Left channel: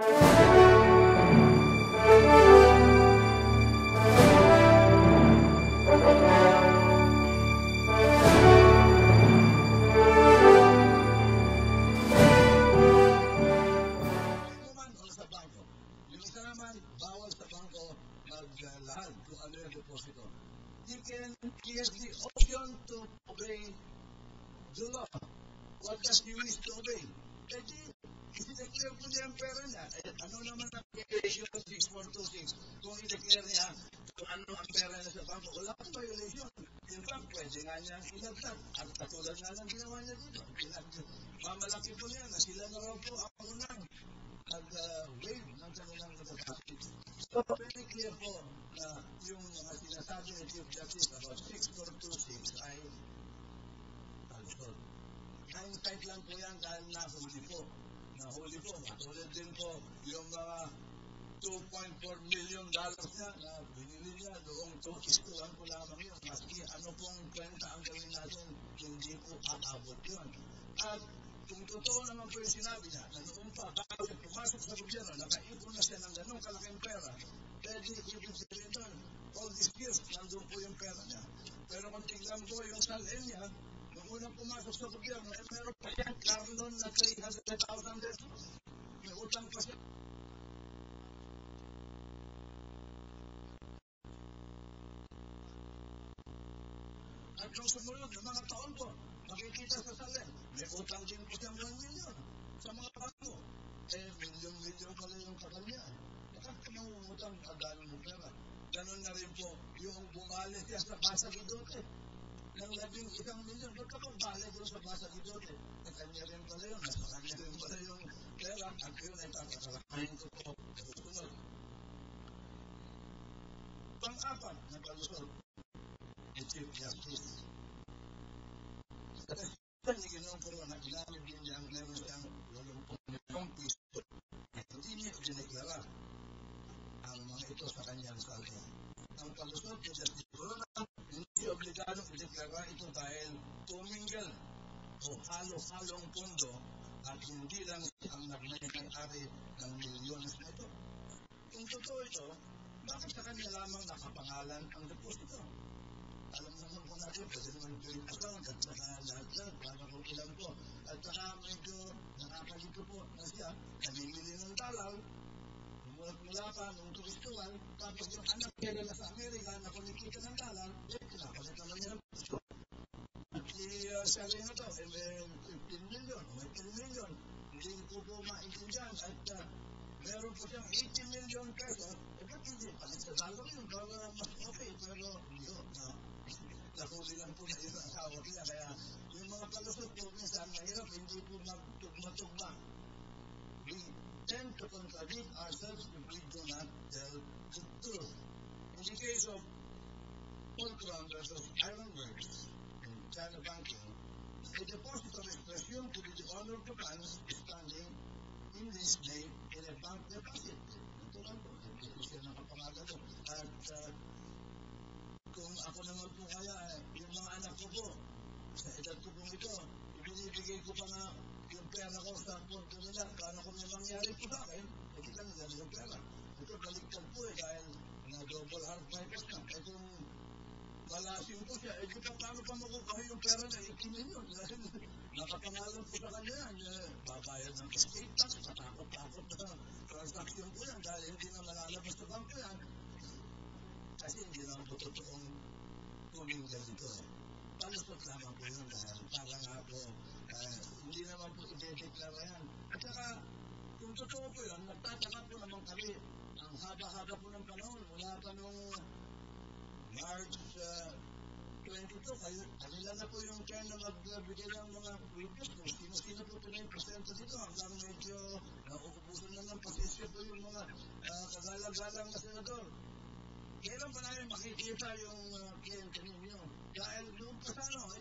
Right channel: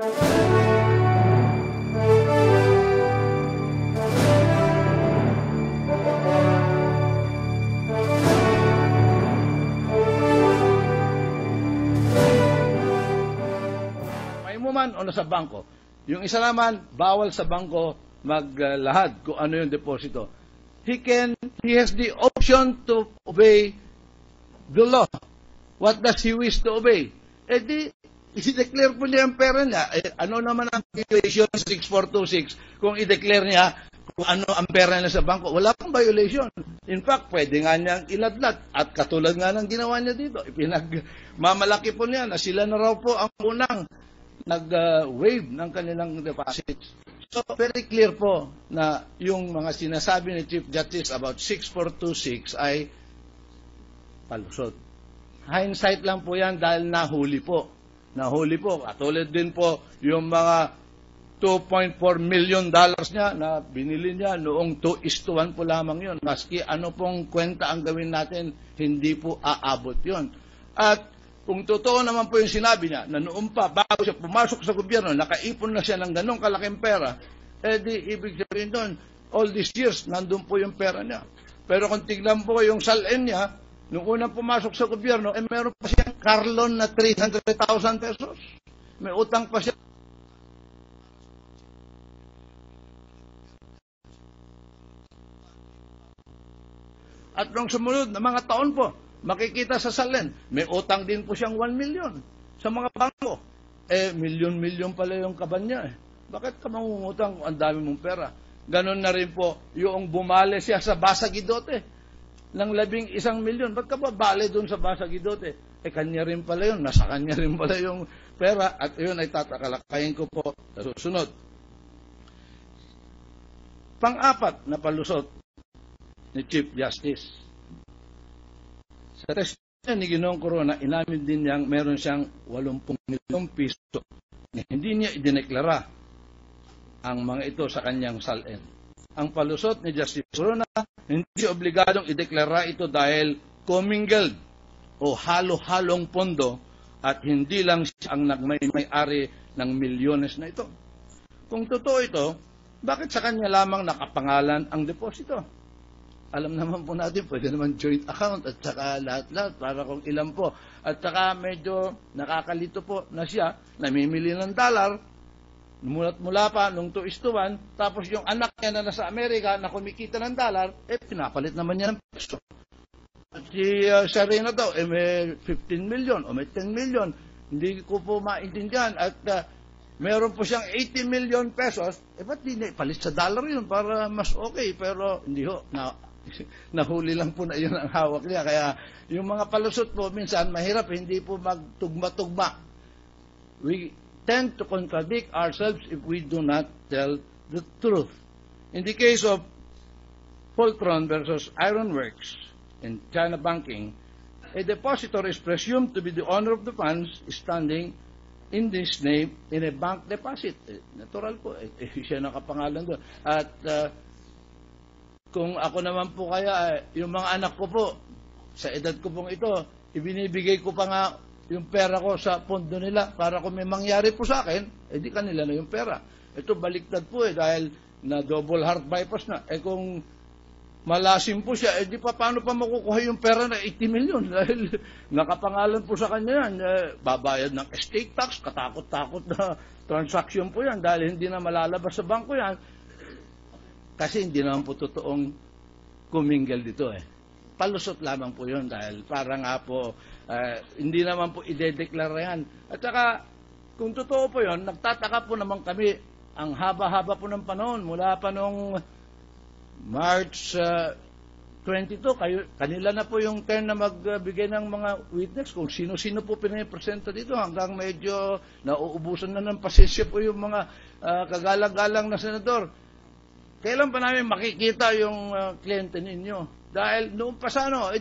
O nasa bangko. Yung isa naman, bawal sa bangko maglahad kung ano yung deposito. He has the option to obey the law. What does he wish to obey? Eh di, i-declare po niya ang pera niya. Eh, ano naman ang violation 6426 kung i-declare niya kung ano ang pera niya sa bangko? Wala pong violation. In fact, pwede nga niyang iladlat. At katulad nga ng ginawa niya dito, ipinagmamalaki po niya na sila na raw po ang unang nag-waive ng kanilang deposits. So, very clear po na yung mga sinasabi ni Chief Justice about 6426 ay palusot. Hindsight lang po yan dahil nahuli po. Nahuli po. Katulad din po yung mga $2.4 million niya na binili niya noong 2:1 po lamang yun. Maski ano pong kwenta ang gawin natin, hindi po aabot yun. At kung totoo naman po yung sinabi niya, na noon pa, bago siya pumasok sa gobyerno, nakaipon na siya ng ganong kalaking pera, eh di ibig sabihin doon, all these years, nandun po yung pera niya. Pero kung tignan po yung salin niya, nung unang pumasok sa gobyerno, eh meron pa siyang Carlon na 300,000 pesos. May utang pa siya. At nung sumunod na mga taon po, makikita sa salin, may utang din po siyang 1 million sa mga bangko. Eh, milyon-milyon pala yung kaban niya. Eh. Bakit ka mangungutang kung ang dami mong pera? Ganon na rin po yung bumale siya sa Basa Guidote ng 11 milyon. Ba't ka ba bale doon sa Basa Guidote? Eh, kanya rin pala yun. Nasa kanya rin pala yung pera. At yun ay tatakalakayin ko po sa susunod. Pang-apat na palusot ni Chief Justice. Sa testimony ni Ginoong Corona, inamin din niyang meron siyang 80 milyong piso na hindi niya idineklara ang mga ito sa kanyang salin. Ang palusot ni Justice Corona, hindi obligadong ideklara ito dahil commingled o halo-halong pondo at hindi lang siya ang nagmay-ari ng milyones na ito. Kung totoo ito, bakit sa kanya lamang nakapangalan ang deposito? Alam naman po natin, pwede naman joint account at saka lahat-lahat para kung ilan po. At saka medyo nakakalito po na siya, namimili ng dollar, mula pa nung 2:1, tapos yung anak niya na nasa Amerika na kumikita ng dollar, eh pinapalit naman niya ng peso. At si Serena daw, eh may 15 million o may 10 million. Hindi ko po maintindihan. At meron po siyang 80 million pesos, eh ba't di palit sa dollar yun para mas okay? Pero hindi ho, nahuli lang po na yun ang hawak niya. Kaya yung mga palusot po, minsan mahirap, hindi po magtugma-tugma. We tend to contradict ourselves if we do not tell the truth. In the case of Poltron versus Ironworks in China Banking, a depositor is presumed to be the owner of the funds standing in this name in a bank deposit. Natural po, siya nakapangalan doon. At kung ako naman po kaya, yung mga anak ko po, sa edad ko pong ito, ibinibigay ko pa nga yung pera ko sa pondo nila para kung may mangyari po sa akin, di kanila na yung pera. Ito baliktad po dahil na double heart bypass na. Kung malasim po siya, di pa paano pa makukuha yung pera na 80 million dahil nakapangalan po sa kanya yan. Babayad ng estate tax, katakot-takot na transaction po yan dahil hindi na malalabas sa bangko yan. Kasi hindi naman po totoong kuminggal dito Palusot lamang po yun dahil para nga po hindi naman po idedeklara yan. At saka kung totoo po yun, nagtataka po naman kami ang haba-haba po ng panahon mula pa nung March 22, kanila na po yung turn na magbigay ng mga witness kung sino-sino po pinipresenta dito hanggang medyo nauubusan na ng pasensya po yung mga kagalang-galang na senador. Kailan pa namin makikita yung kliyente ninyo? Dahil noong pasano,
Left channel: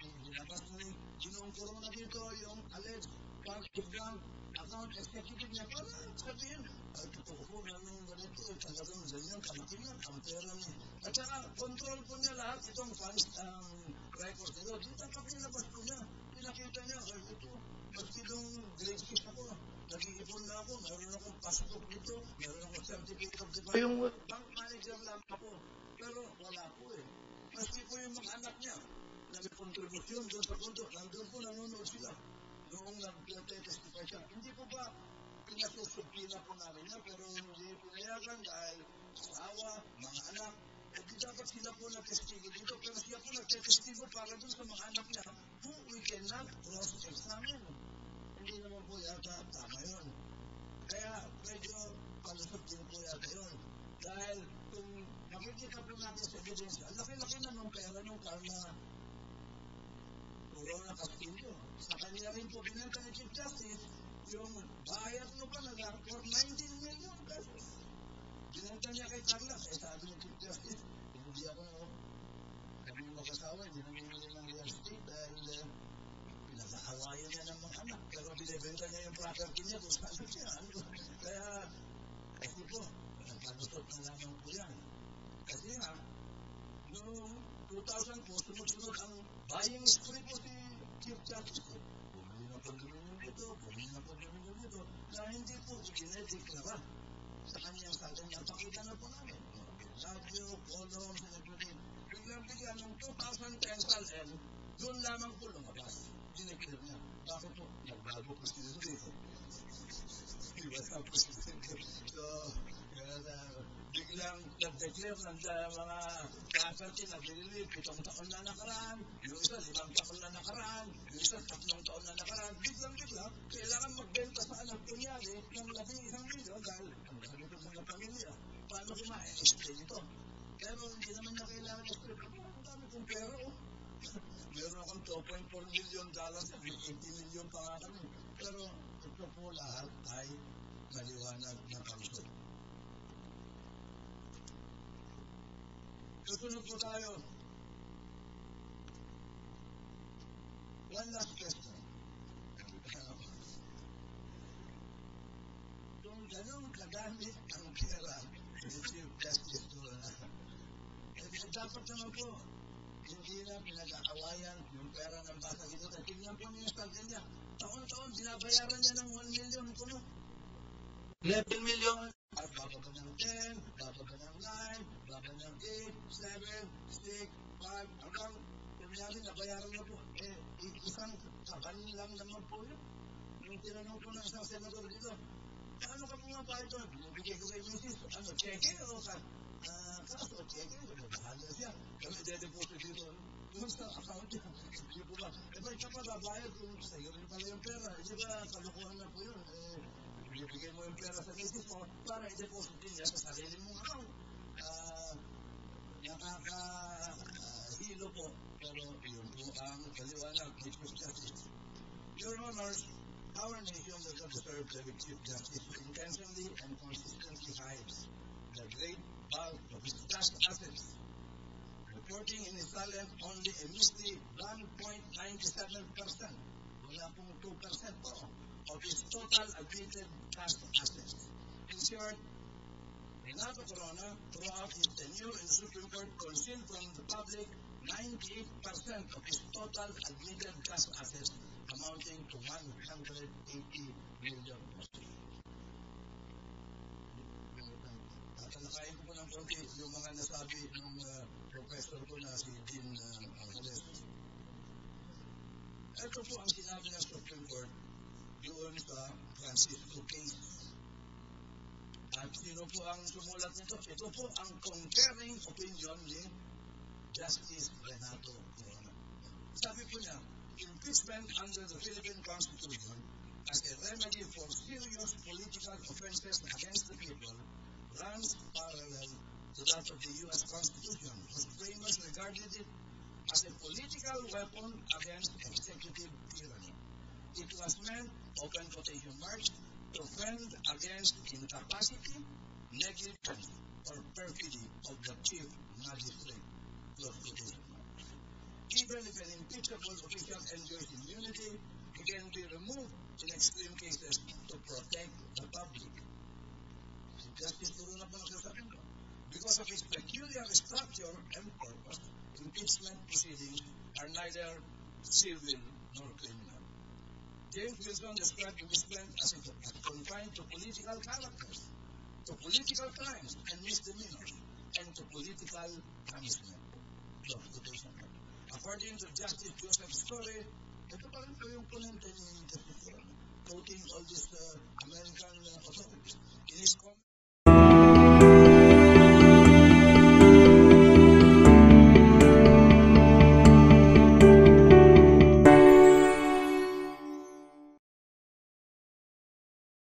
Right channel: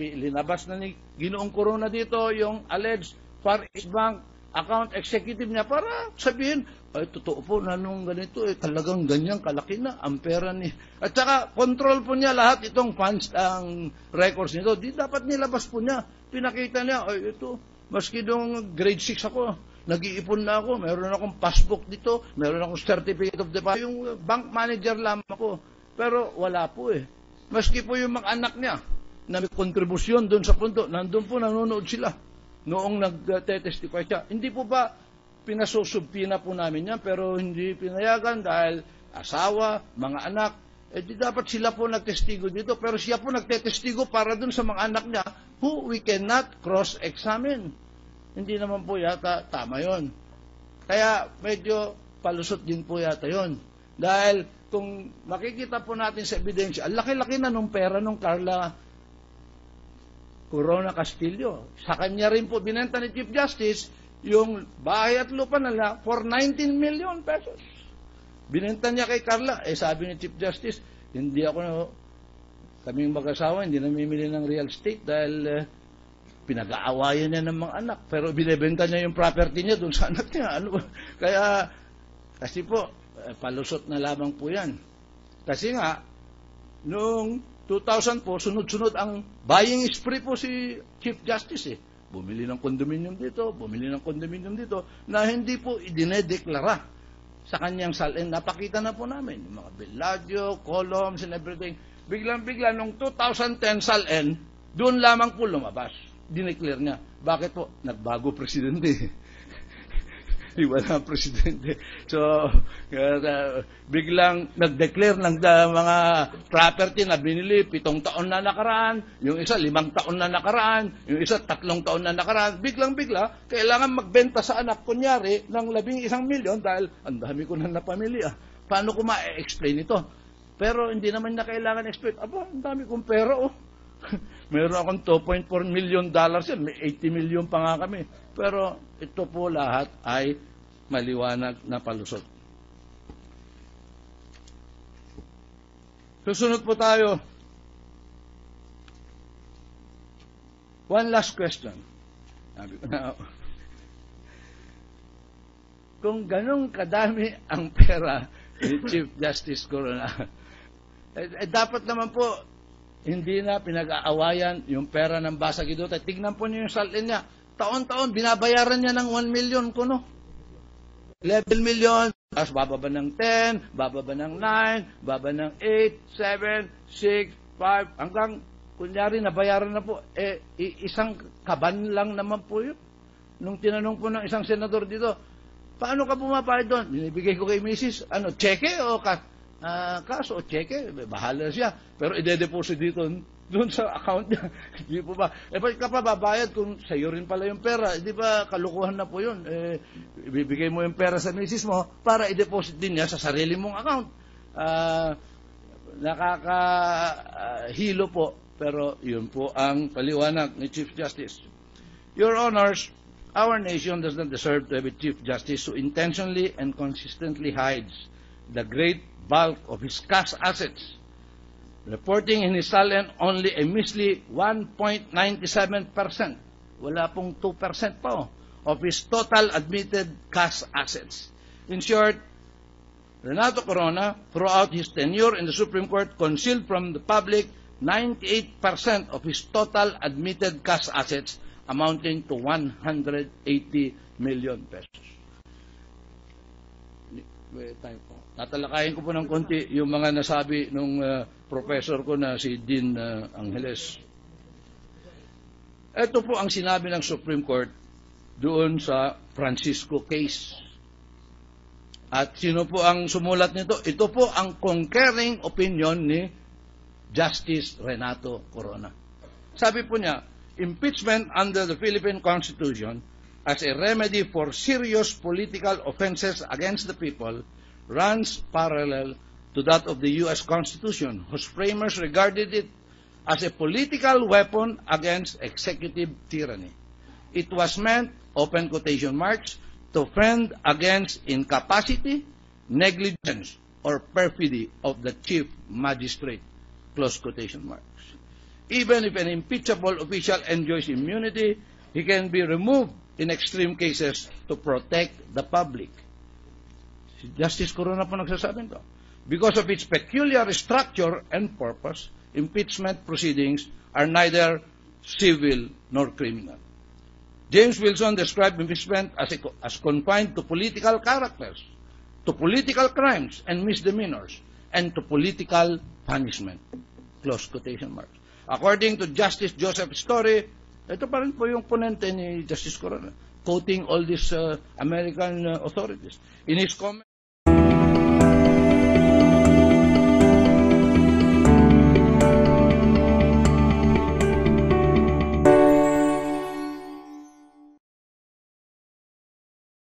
linabas na ni Ginoong Corona dito yung alleged Far East Bank account executive niya para sabihin, totoo po na nung ganito, talagang ganyan kalaki na ang pera ni... At saka, control po niya lahat itong funds, ang records nito. Di dapat nilabas po niya. Pinakita niya, ito, maski nung grade 6 ako, nag-iipon na ako, meron akong passbook dito, meron akong certificate of deposit. Yung bank manager lamang ko. Pero wala po eh. Maski po yung mga anak niya na may kontribusyon doon sa pundo, nandun po, nanonood sila noong nag-testify siya. Hindi po ba pinasusubpina po namin yan, pero hindi pinayagan dahil asawa, mga anak, di dapat sila po nagtestigo dito, pero siya po nagtetestigo para dun sa mga anak niya who we cannot cross-examine. Hindi naman po yata tama yon. Kaya medyo palusot din po yata yon. Dahil kung makikita po natin sa ebidensya, ang laki-laki na nung pera nung Carla Corona Castillo. Sa kanya rin po binenta ni Chief Justice yung bahay at lupa nila for 19 million pesos. Binenta niya kay Carla. Sabi ni Chief Justice, kaming mag-asawa, hindi namimili ng real estate dahil pinag-aawayan niya ng mga anak. Pero binibenta niya yung property niya doon sa anak niya. Kaya, kasi po, palusot na lamang po yan. Kasi nga, noong 2000 po, sunod-sunod ang buying spree po si Chief Justice. Bumili ng condominium dito, bumili ng condominium dito, na hindi po idinedeklara sa kanyang salin. Napakita na po namin, yung mga Bellagio, columns and everything. Biglang-bigla, nung 2010 salin, doon lamang po lumabas. Dineclare niya. Bakit po? Nagbago presidente. Wala ang presidente. So, biglang nag-declare ng mga property na binili, 7 taon na nakaraan, yung isa 5 taon na nakaraan, yung isa 3 taon na nakaraan. Biglang-bigla, kailangan magbenta sa anak, kunyari, ng 11 milyon dahil ang dami ko na napamilya. Paano ko ma-explain ito? Pero hindi naman na kailangan explain. Aba, ang dami kong pera, oh. Meron akong $2.4 million yan. May 80 million pa nga kami. Pero ito po lahat ay maliwanag na palusot. Susunod po tayo. One last question. Sabi ko na, kung ganun kadami ang pera ni Chief Justice Corona, dapat naman po hindi na pinag-aawayan yung pera ng Basa Guidotta. Tignan po niyo yung salin niya. Taon-taon, binabayaran niya ng 1 million kuno. 11 million, tapos bababa ng 10, bababa ng 9, bababa ng 8, 7, 6, 5, hanggang, kunyari, nabayaran na po. Isang kaban lang naman po yun. Nung tinanong po ng isang senador dito, paano ka bumapayad doon? Binibigay ko kay Mrs. Cheque o kaso o cheque? Bahala siya. Pero ide-deposit dito doon sa account niya. Hindi po ba? Ba't ka pa babayad kung sa'yo rin pala yung pera? Di ba kalukuhan na po yun? Ibibigay mo yung pera sa misis mo para i-deposit din niya sa sarili mong account. Nakakahilo po. Pero yun po ang paliwanag ni Chief Justice. Your Honors, our nation does not deserve to have a Chief Justice who intentionally and consistently hides the great bulk of his cash assets, reporting in his salin only a measly 1.97%, wala pong 2% pa, of his total admitted cash assets. In short, Renato Corona, throughout his tenure in the Supreme Court, concealed from the public 98% of his total admitted cash assets, amounting to 180 million pesos. Tatalakayin ko po ng konti yung mga nasabi nung professor ko na si Dean Angeles. Ito po ang sinabi ng Supreme Court doon sa Francisco case. At sino po ang sumulat nito? Ito po ang concurring opinion ni Justice Renato Corona. Sabi po niya, impeachment under the Philippine Constitution as a remedy for serious political offenses against the people runs parallel to that of the U.S. Constitution, whose framers regarded it as a political weapon against executive tyranny. It was meant, open quotation marks, to fend against incapacity, negligence, or perfidy of the chief magistrate, close quotation marks. Even if an impeachable official enjoys immunity, he can be removed in extreme cases to protect the public. Justice Corona po nagsasabing to. Because of its peculiar structure and purpose, impeachment proceedings are neither civil nor criminal. James Wilson described impeachment as confined to political characters, to political crimes and misdemeanors, and to political punishment. Close quotation marks. According to Justice Joseph Story, ito pa rin po yung ponente ni Justice Corona, quoting all these American authorities. In his comment,